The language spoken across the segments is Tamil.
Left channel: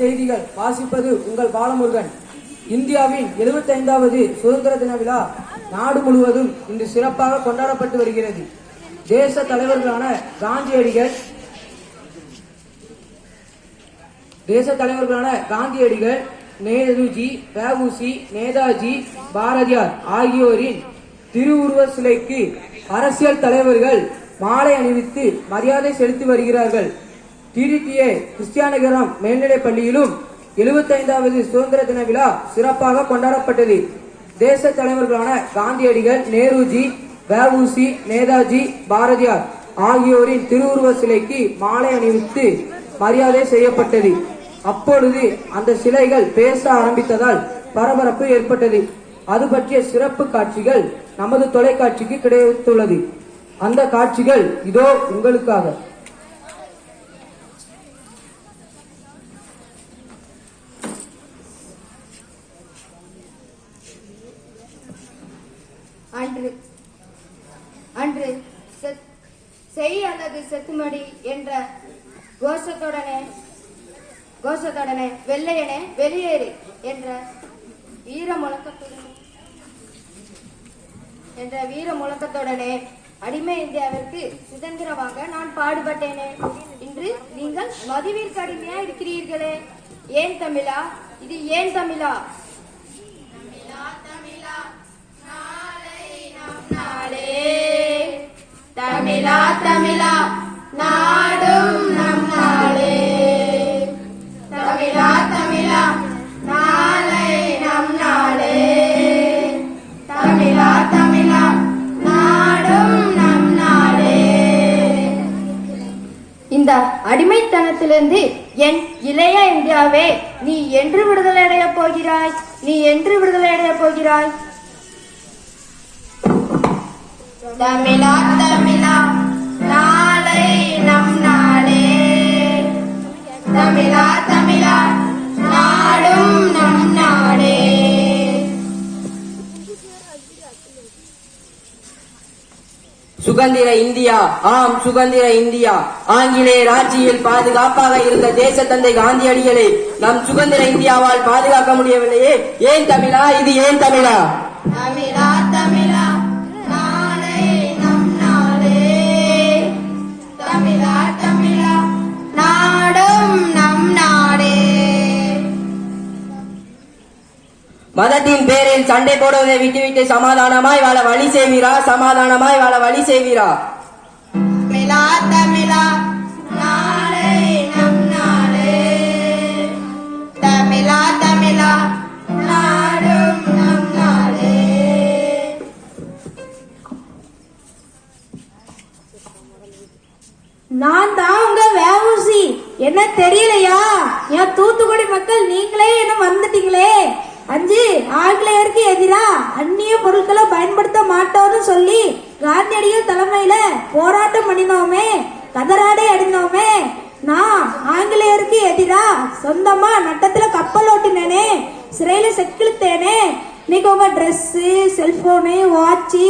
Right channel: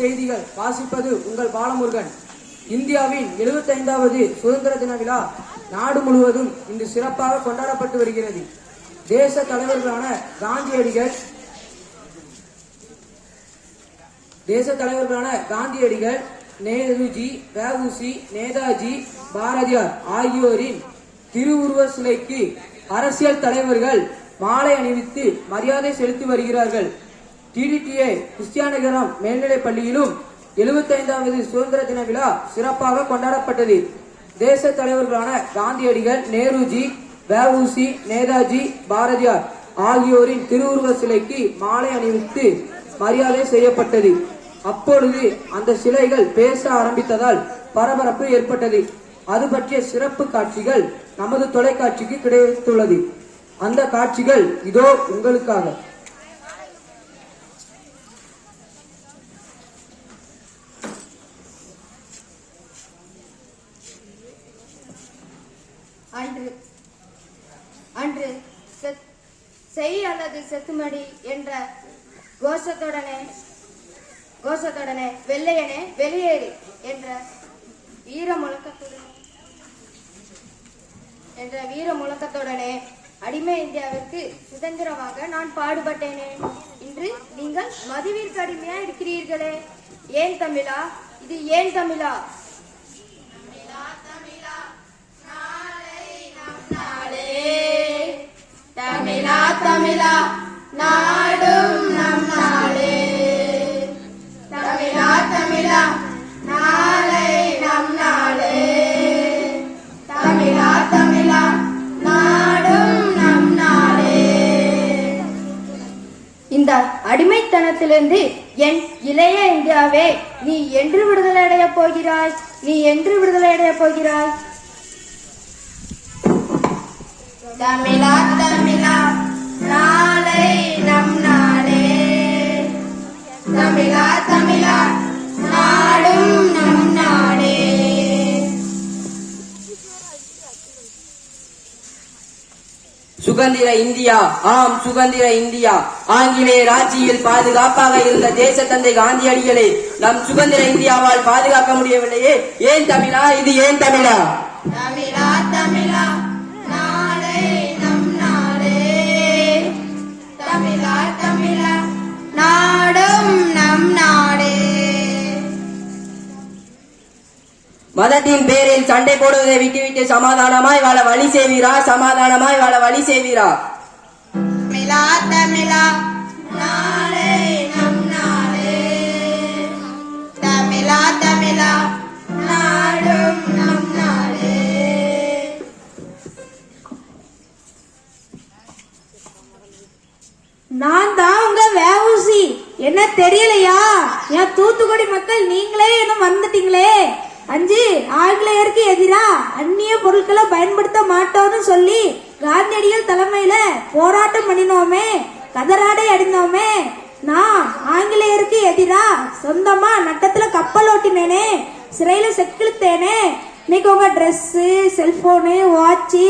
செய்திகள் வாசிப்பது உங்கள் பாலமுருகன். இந்தியாவின் 75வது சுதந்திர தின விழா நாடு முழுவதும் இன்று சிறப்பாக கொண்டாடப்பட்டு வருகிறது. தேச தலைவர்களான காந்தியடிகள் தேச தலைவர்களான காந்தியடிகள் நேருஜி வஉசி நேதாஜி பாரதியார் ஆகியோரின் திருவுருவ சிலைக்கு அரசியல் தலைவர்கள் மாலை அணிவித்து மரியாதை செலுத்தி வருகிறார்கள். டிடிடிஏ கிறிஸ்டியானகரம் மேல்நிலைப் பள்ளியிலும் 75வது சுதந்திர தின விழா சிறப்பாக கொண்டாடப்பட்டது. தேச தலைவர்களான காந்தியடிகள் நேருஜி வஉசி நேதாஜி பாரதியார் ஆகியோரின் திருவுருவ சிலைக்கு மாலை அணிவித்து மரியாதை செய்யப்பட்டது. அப்பொழுது அந்த சிலைகள் பேச ஆரம்பித்ததால் பரபரப்பு ஏற்பட்டது. அது பற்றிய சிறப்பு காட்சிகள் நமது தொலைக்காட்சிக்கு கிடைத்துள்ளது. அந்த காட்சிகள் இதோ உங்களுக்காக. அன்று அன்று செத்- செய் அல்லது செத்துமடி என்ற கோஷத்துடனே கோஷத்துடனே வெள்ளையனே வெளியேறு என்ற வீர முழக்கத்துடனே என்ற வீர முழக்கத்துடனே அடிமை இந்தியாவிற்கு சுதந்திரமாக நான் பாடுபட்டேனே. இன்று நீங்கள் மதுவிற்கு அடிமையா இருக்கிறீர்களே ஏன் தமிழா? இது ஏன் தமிழா? தமிழா நாடும் நம் நாளே தமிழா தமிழா நாளை நம் நாளே தமிழா தமிழா நாடும் நம் நாளே இந்த அடிமைத்தனத்திலிருந்து என் இளைய இந்தியாவே நீ என்று விடுதலை போகிறாய் நீ என்று விடுதலை போகிறாய். தமிழா சுதந்திர இந்தியா. ஆம் சுதந்திர இந்தியா. ஆங்கிலேயர் ஆட்சியில் பாதுகாப்பாக இருந்த தேச தந்தை காந்தியடிகளை நம் சுதந்திர இந்தியாவால் பாதுகாக்க முடியவில்லையே. ஏன் தமிழா? இது ஏன் தமிழா? தமிழா தமிழா. மதத்தின் பேரில் சண்டை போடுவதை விட்டுவிட்டு சமாதானமாய் வாழ வழி செய்வீரா? சமாதானமாய் வாழ வழி செய்வீரா? தமிழா சொந்தமா நட்டத்துல கப்பல் ஓட்டினேனே சிறையில செக்கிழுத்தேனே இன்னைக்கு உங்க dress cellphone watch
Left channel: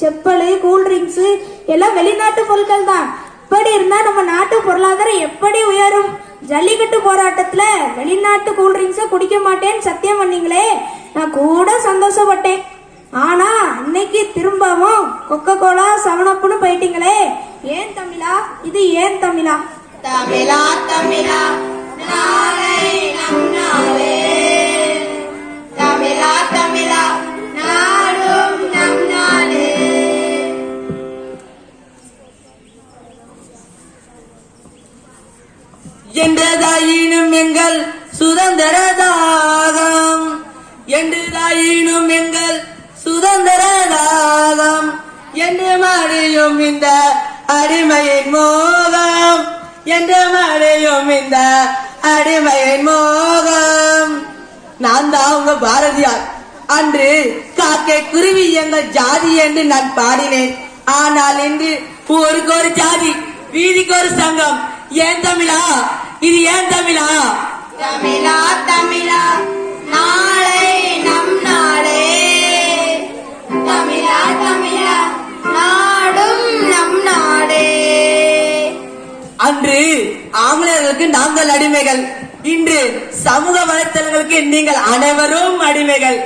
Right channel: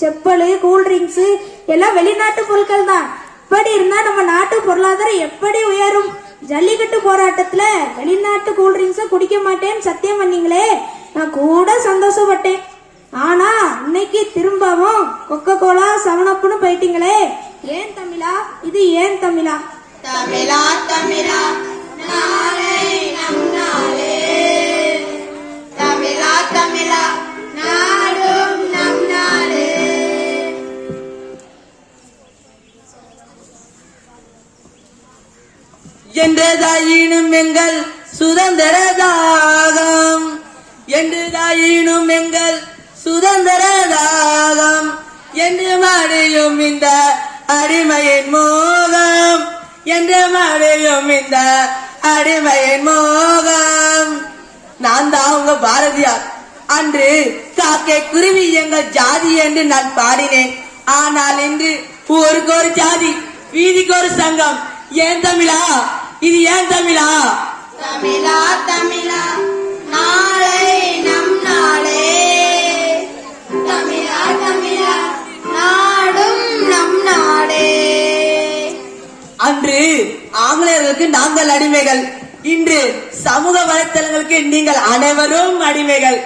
chappal cool drinks எல்லாம் வெளிநாட்டு பொருட்கள் தான். இப்படி இருந்தா நம்ம நாட்டு பொருளாதாரம் எப்படி உயரும்? ஜல்லிக்கட்டு போராட்டத்துல வெளிநாட்டு கூல்ட்ரிங்க்ஸ குடிக்க மாட்டேன்னு சத்தியம் பண்ணீங்களே. நான் கூட சந்தோஷப்பட்டேன். ஆனா இன்னைக்கு திரும்பவும் கொக்கோ கோலா சவனப்புன்னு போயிட்டீங்களே. ஏன் தமிழா? இது ஏன் தமிழா? தமிழா தமிழா. எங்கள் சுதந்திர தாகம். எங்கள் சுதந்திர தாகம். என்று மாறியும் இந்த அடிமையின் மோகம். என்று மாறியும் இந்த அடிமையின் மோகம். நான் தான் உங்க பாரதியார். அன்று காக்கை குருவி எங்கள் ஜாதி என்று நான் பாடினேன். ஆனால் இன்று ஊருக்கு ஒரு ஜாதி வீதிக்கு ஒரு சங்கம். ஏன் தமிழா? இது ஏன் தமிழா? தமிழா தமிழா நாளை நம் நாளே. தமிழா தமிழா நாடும் நம் நாடே. அன்று ஆங்கிலேயர்களுக்கு நாங்கள் அடிமைகள். இன்று சமூக வலைத்தளங்களுக்கு நீங்கள் அனைவரும் அடிமைகள்.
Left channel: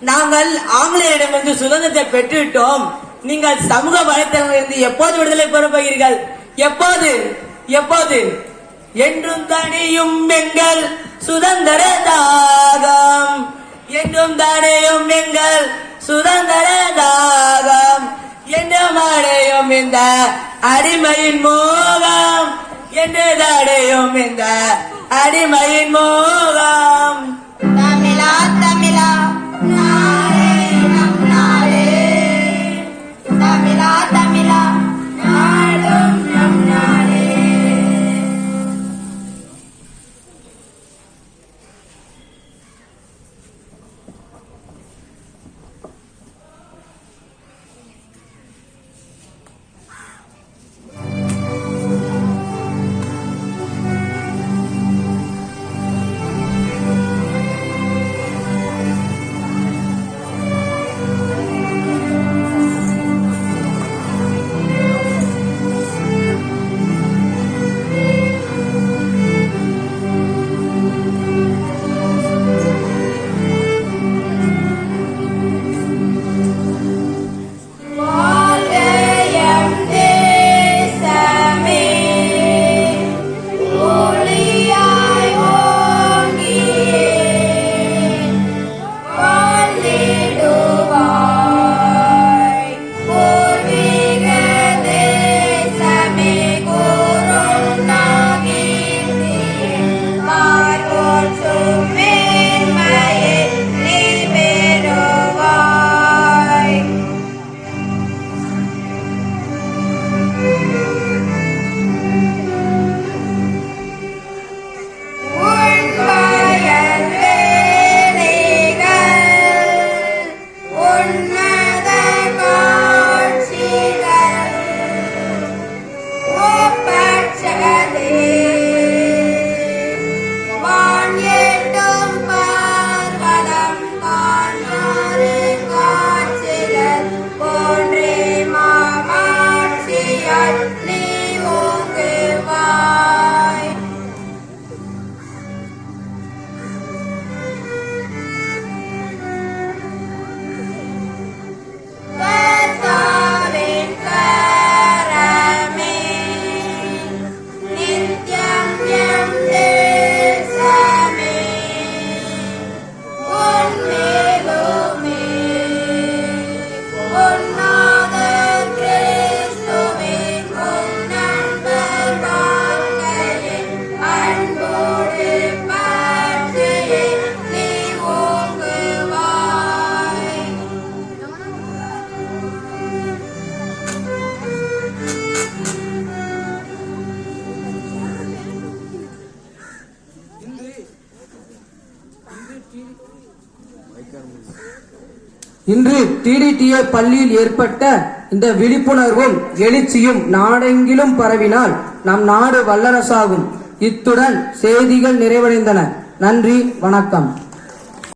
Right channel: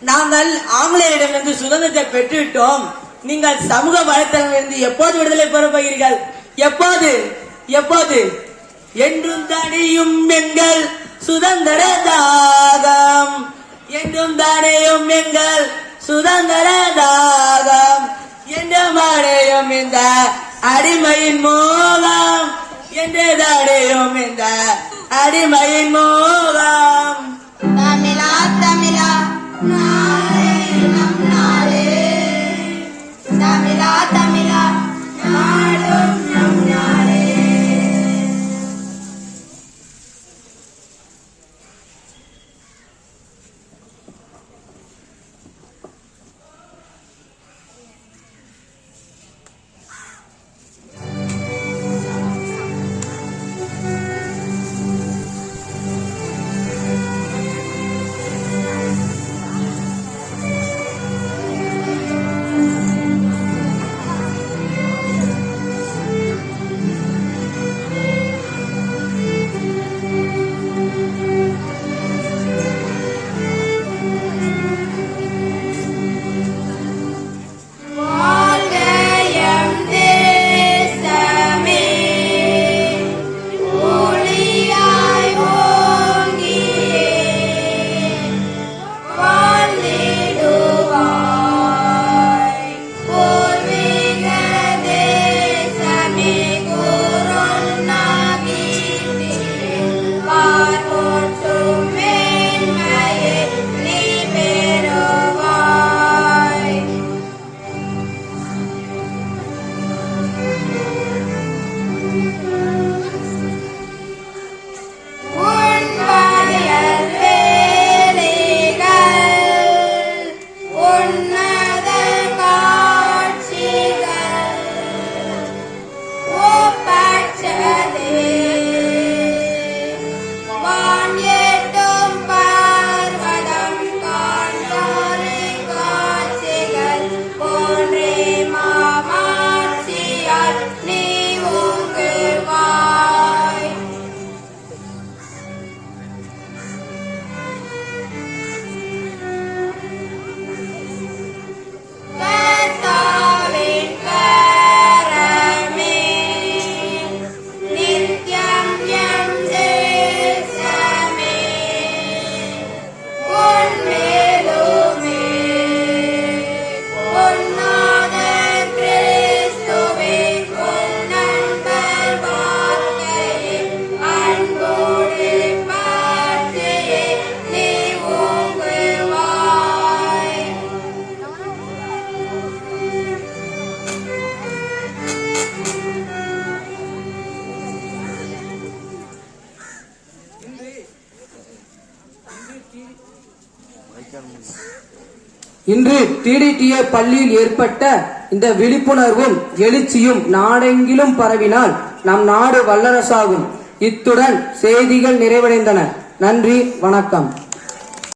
நாங்கள் ஆங்கிலேயரிடமிருந்து சுதந்திரத்தை பெற்றுவிட்டோம். நீங்கள் சமூக வலைத்தளங்களிலிருந்து எப்போது விடுதலை பெற போகிறீர்கள்? எப்போது? எப்போது? என்றும் தனியும் எங்கள் சுதந்திர தாகம் என்றும் தனியும் எங்கள் சுதந்திர தாகம் என்றும் அடையும் இந்த அடிமையின் மோகம். என்று தடையும் இந்த அடிமையின் மோகம். இன்று டிடிடிஏ பள்ளியில் ஏற்பட்ட இந்த விழிப்புணர்வும் எழுச்சியும் நாடெங்கிலும் பரவினால் நம் நாடு வல்லரசாகும். இத்துடன் செய்திகள் நிறைவடைந்தன. நன்றி வணக்கம்.